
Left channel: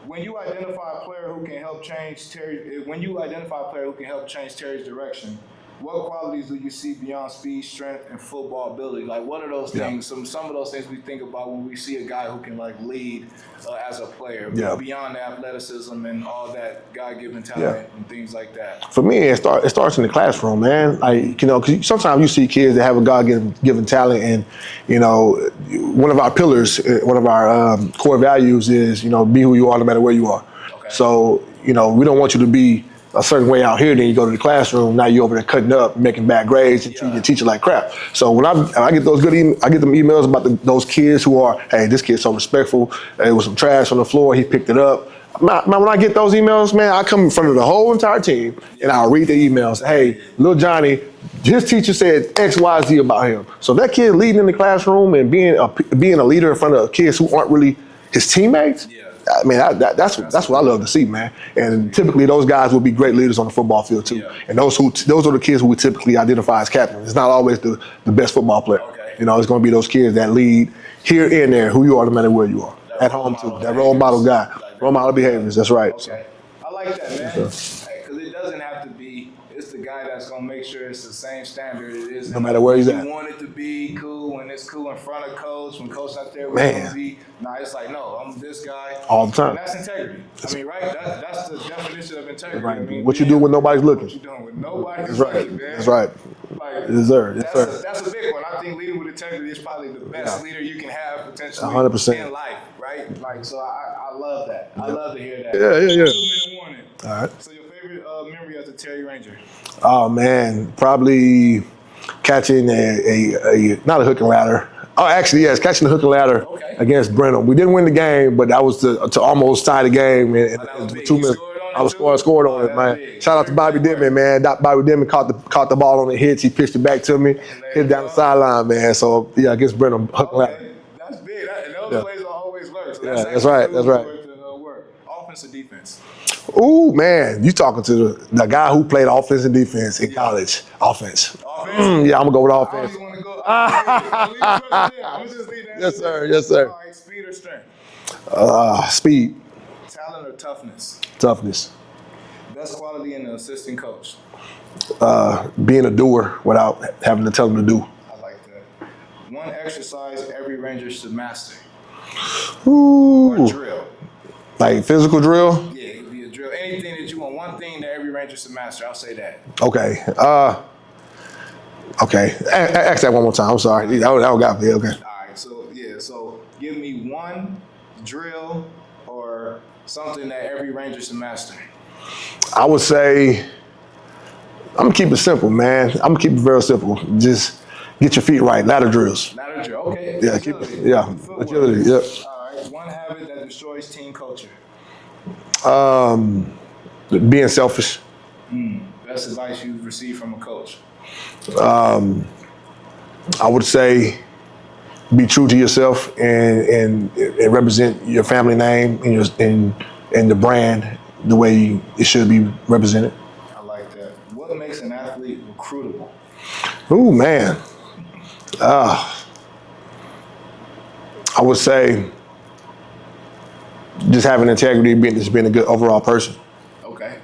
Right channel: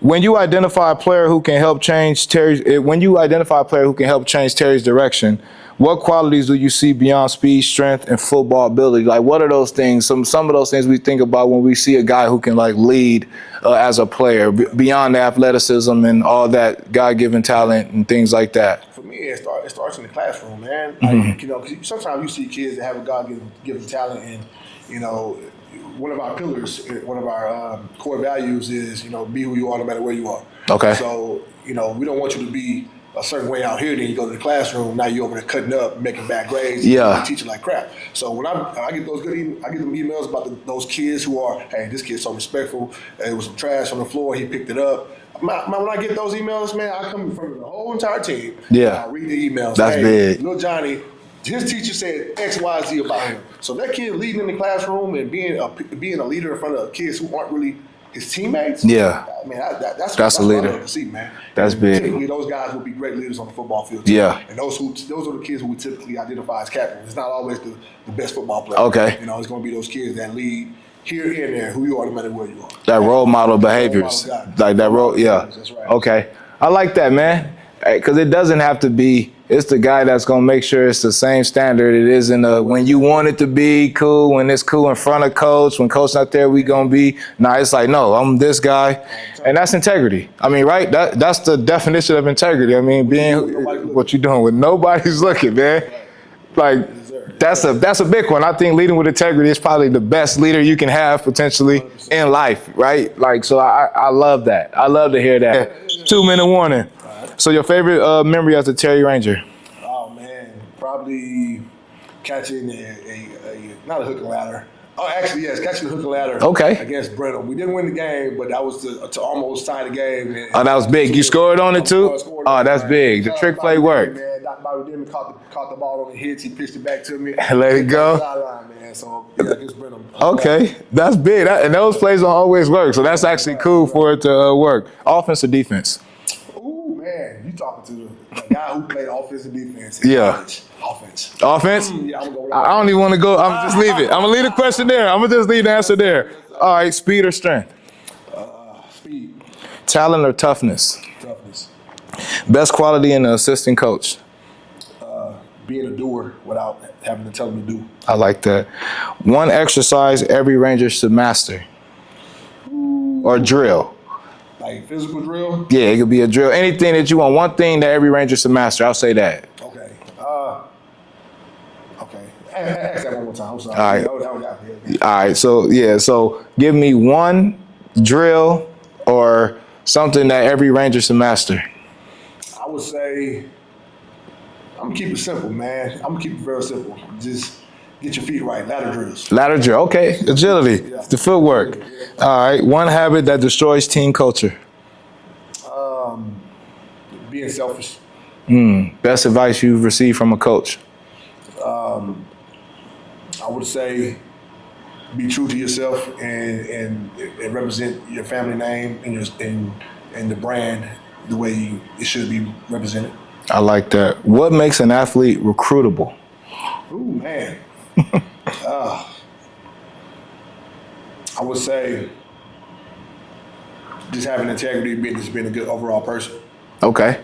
When you identify a player who can help change Terry's direction, what qualities do you see beyond speed, strength, and football ability? Like, what are those things? Some of those things we think about when we see a guy who can like lead as a player beyond the athleticism and all that God-given talent and things like that. For me, it starts in the classroom, man. Like, you know, because sometimes you see kids that have a God-given talent, and you know, one of our pillars, one of our core values is, you know, be who you are no matter where you are. Okay. So, you know, we don't want you to be a certain way out here, then you go to the classroom, now you're over there cutting up, making bad grades, the teacher like crap. So when I get those I get them emails about those kids who are, hey, this kid's so respectful, there was some trash on the floor, he picked it up. Man, when I get those emails, man, I come in front of the whole entire team, and I'll read the emails. That's big. Little Johnny, his teacher said X, Y, Z about him. So that kid leading in the classroom and being a leader in front of kids who aren't really his teammates. Yeah, I mean that's what I love to see, man. And typically those guys will be great leaders on the football field too. Yeah, and those are the kids who we typically identify as captains. It's not always the best football player. Okay, you know, it's going to be those kids that lead here and there, who you are no matter where you are. That role model behaviors. Role model guy. Like that role model behaviors. That's right. Okay, I like that, man. Because it doesn't have to be. It's the guy that's going to make sure it's the same standard it is in when you want it to be cool, when it's cool in front of coach, when coach not there, we going to be. Nah, it's like, no, I'm this guy. All the time. And that's integrity. I mean, right? That's the definition of integrity. I mean, what you do when nobody's looking. What you doing when nobody's looking, man. That's right. Like, that's a big one. I think leading with integrity is probably the best leader you can have potentially 100%. In life, right? Like, so I love that. I love to hear that. 2-minute warning. All right. So your favorite memory as a Terry Ranger? Oh man, probably catching a not a hook and ladder. Oh, actually, yes, catching the hook and ladder. Okay. Against Brenham. We didn't win the game, but that was to almost tie the game. Oh, that was big. You scored on it too? I scored on it. Oh, that's big. Shout out to Bobby Denman, man. Bobby Denman caught the ball on the hits. He pitched it back to me. Let it go. Sideline, man. So yeah, against Brenham. Okay, that's big. And those plays don't always work. So that's actually cool for it to work. Offense or defense? Ooh, man, you talking to the guy who played offense and defense in college. Offense. Offense? Yeah, I'm going to go with offense. I don't even want to go. I'm just leave it. I'm going to leave the question there. I'm going to just leave the answer there. Yes, sir. All right, speed or strength? Speed. Talent or toughness? Toughness. Best quality in an assistant coach? Being a doer without having to tell them to do. I like that. One exercise every Ranger should master? Ooh. Or drill? Like physical drill? Yeah, it could be a drill. Anything that you want. One thing that every Ranger should master. I'll say that. Okay. Okay. Ask that one more time. I'm sorry. All right. That got me. Okay. All right. So, yeah. So give me one drill or something that every Ranger should master. I would say, I'm going to keep it simple, man. I'm going to keep it very simple. Just get your feet right. Ladder drills. Ladder drill. Okay. Yeah. Agility. Yeah. The footwork. Agility, yep. All right. One habit that destroys team culture. Being selfish. Best advice you've received from a coach. I would say be true to yourself and represent your family name and the brand the way it should be represented. I like that. What makes an athlete recruitable? Ooh, man. I would say just having integrity, just being a good overall person. Okay.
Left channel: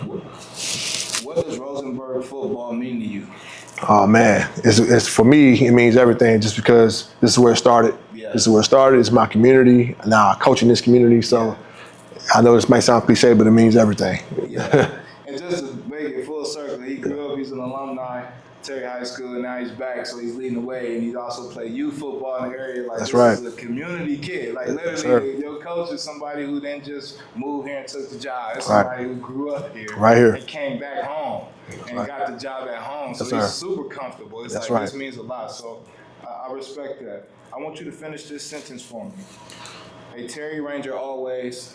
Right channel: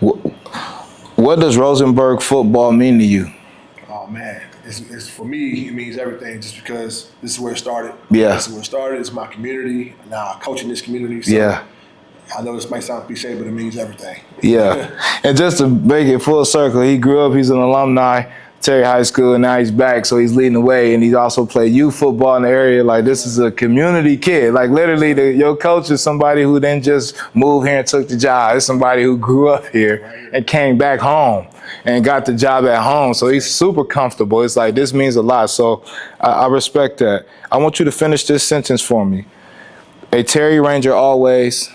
What does Rosenberg football mean to you? Oh man, it's for me. It means everything. Just because this is where it started. Yeah, this is where it started. It's my community. Now I coach in this community. So yeah. I know this might sound cliche, but it means everything. Yeah. And just to make it full circle, he grew up. He's an alumni. Terry High School, and now he's back, so he's leading the way, and he's also played youth football in the area. Like, this is a community kid. Like, literally, your coach is somebody who didn't just move here and took the job. It's somebody who grew up here and came back home and got the job at home. So he's super comfortable. It's like, this means a lot. So I respect that. I want you to finish this sentence for me. A Terry Ranger always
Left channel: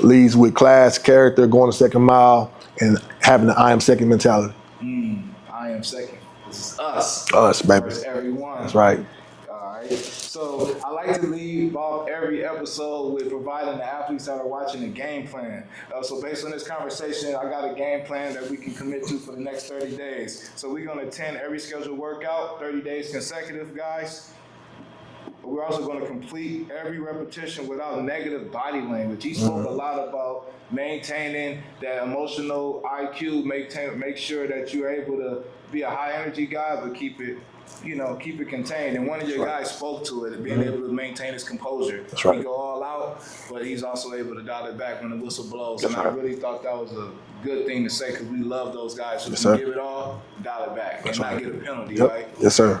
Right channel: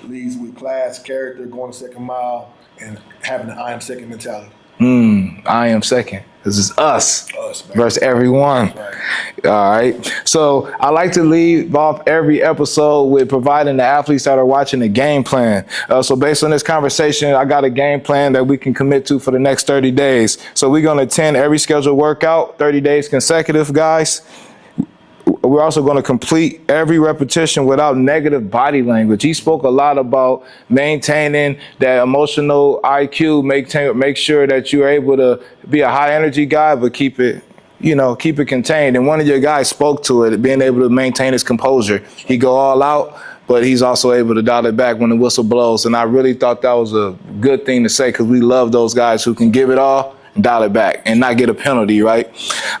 leads with class, character, going the second mile, and having the I am second mentality. I am second. This is us baby. versus everyone. That's right. All right. So I like to leave off every episode with providing the athletes that are watching a game plan. So based on this conversation, I got a game plan that we can commit to for the next 30 days. So we're going to attend every scheduled workout, 30 days consecutive, guys. We're also going to complete every repetition without negative body language. He spoke a lot about maintaining that emotional IQ, make sure that you're able to be a high energy guy, but keep it contained. And one of your guys spoke to it, being able to maintain his composure. Right. He go all out, but he's also able to dial it back when the whistle blows. And I really thought that was a good thing to say, because we love those guys who can give it all and dial it back and not get a penalty, right? Yes, sir.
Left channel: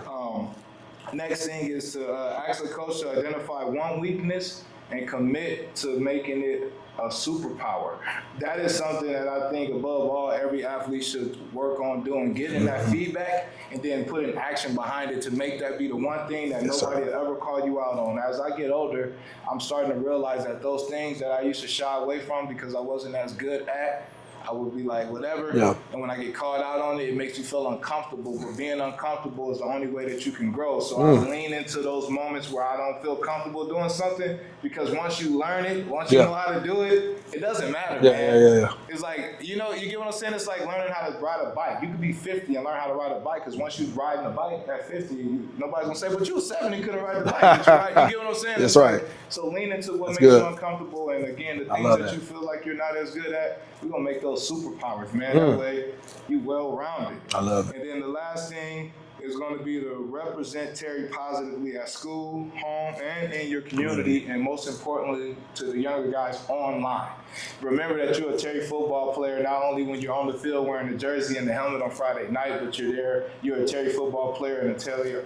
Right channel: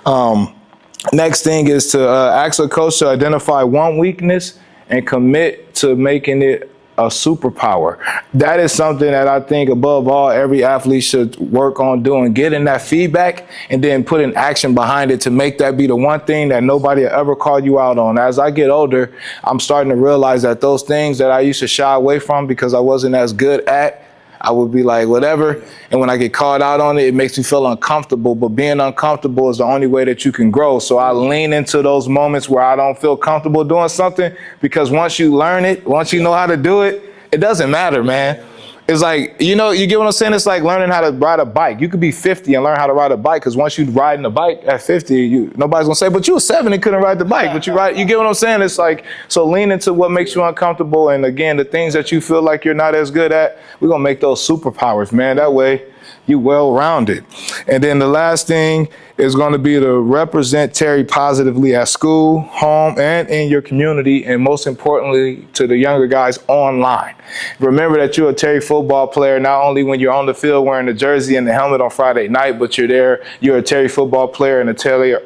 Next thing is to ask a coach to identify one weakness and commit to making it a superpower. That is something that I think above all, every athlete should work on doing, getting that feedback and then putting action behind it to make that be the one thing that nobody will ever call you out on. As I get older, I'm starting to realize that those things that I used to shy away from because I wasn't as good at, I would be like, whatever. Yeah. And when I get called out on it, it makes me feel uncomfortable. But being uncomfortable is the only way that you can grow. So I lean into those moments where I don't feel comfortable doing something, because once you learn it, once you know how to do it, it doesn't matter, man. Yeah. It's like, you get what I'm saying? It's like learning how to ride a bike. You could be 50 and learn how to ride a bike, because once you riding a bike at 50, nobody's gonna say, but you were 7 and couldn't ride the bike. But you get what I'm saying? It's right. Like, so lean into what makes you uncomfortable. And again, the things that you feel like you're not as good at, we're gonna make those superpowers, man. That way, you well-rounded. And then the last thing is going to be to represent Terry positively at school, home, and in your community, and most importantly, to the younger guys online. Remember that you're a Terry football player, not only when you're on the field wearing the jersey and the helmet on Friday night, but you're a Terry football player and a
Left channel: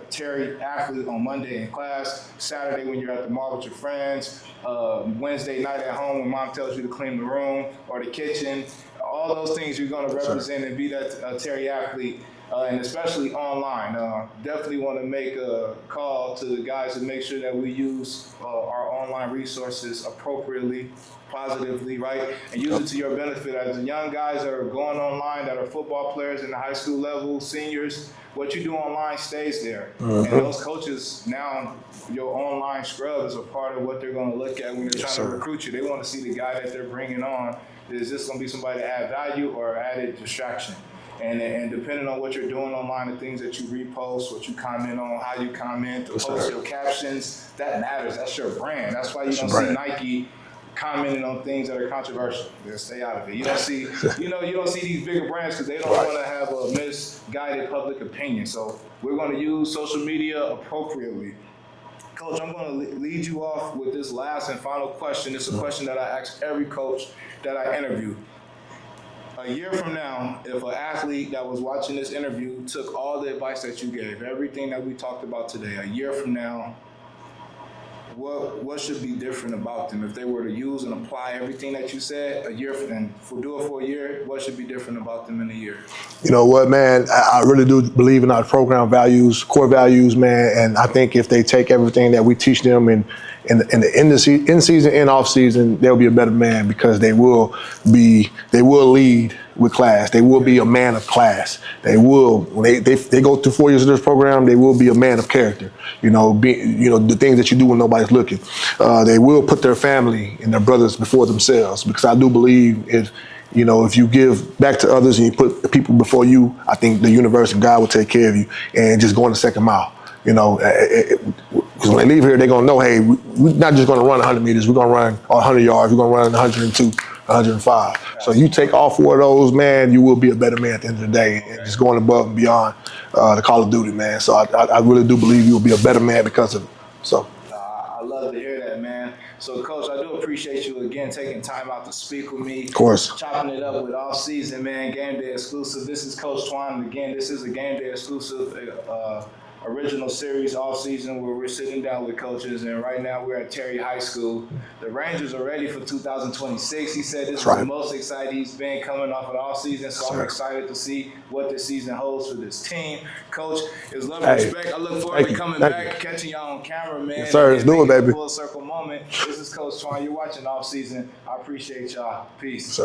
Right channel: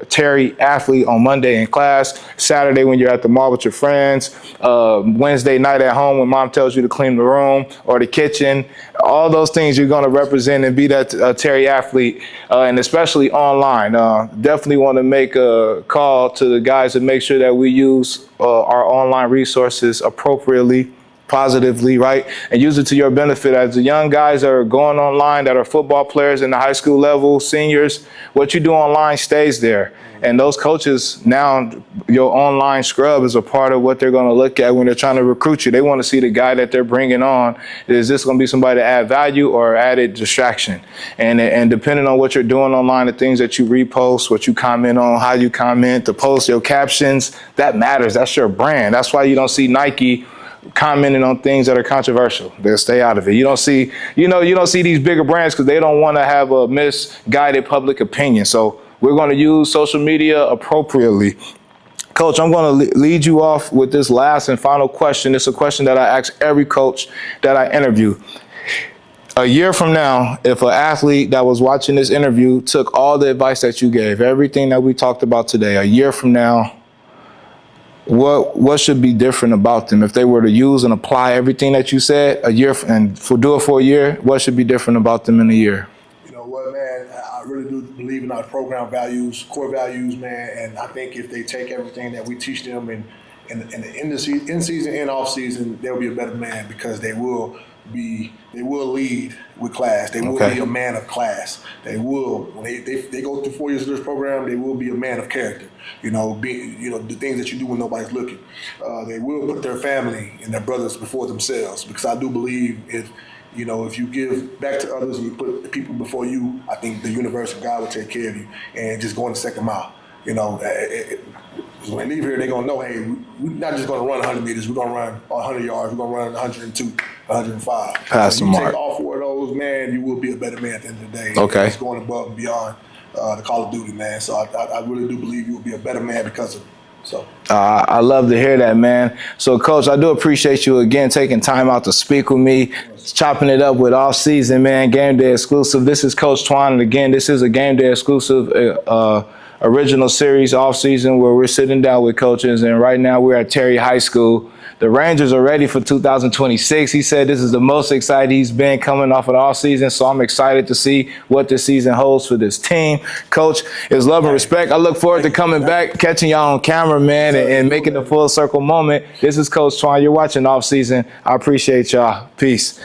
Terry athlete on Monday in class, Saturday when you're at the mall with your friends, Wednesday night at home when mom tells you to clean the room or the kitchen. All those things you're going to represent and be that Terry athlete, and especially online. Definitely want to make a call to the guys to make sure that we use our online resources appropriately, positively, right? And use it to your benefit. As the young guys that are going online, that are football players in the high school level, seniors, what you do online stays there. And those coaches, now your online scrub is a part of what they're going to look at when they're trying to recruit you. They want to see the guy that they're bringing on. Is this going to be somebody to add value or added distraction? And depending on what you're doing online, the things that you repost, what you comment on, how you comment, the post, your captions, that matters. That's your brand. That's why you don't see Nike commenting on things that are controversial. They'll stay out of it. You don't see, you don't see these bigger brands because they don't want to have a misguided public opinion. So we're going to use social media appropriately. Coach, I'm going to lead you off with this last and final question. It's a question that I ask every coach that I interview. A year from now, if an athlete that was watching this interview took all the advice that you gave, everything that we talked about today, a year from now, what should be different about them if they were to use and apply everything that you said a year and do it for a year? What should be different about them in a year? You know what, man? I really do believe in our program values, core values, man. And I think if they take everything that we teach them in the in season and off season, they'll be a better man, because they will lead with class. They will be a man of class. They will, when they go through 4 years of this program, they will be a man of character. The things that you do when nobody's looking. They will put their family and their brothers before themselves, because I do believe if you give back to others and you put people before you, I think the universe and God will take care of you, and just going the second mile. Because when they leave here, they're going to know, hey, we're not just going to run 100 meters. We're going to run 100 yards. We're going to run 102, 105. So you take all 4 of those, man, you will be a better man at the end of the day. Okay. It's going above and beyond the Call of Duty, man. So I really do believe you will be a better man because of it. So I love to hear that, man. So, Coach, I do appreciate you again taking time out to speak with me. Of course. Chopping it up with Off Season, man. Game Day exclusive. This is Coach Twan, and again, this is a Game Day exclusive original series Off Season where we're sitting down with coaches, and right now we're at Terry High School. The Rangers are ready for 2026. He said this is the most excited he's been coming off of the off season, so I'm excited to see what this season holds for this team. Coach, it's love and respect. I look forward to coming back, catching y'all on camera, man, and making a full circle moment. This is Coach Twan. You're watching Off Season. I appreciate y'all. Peace.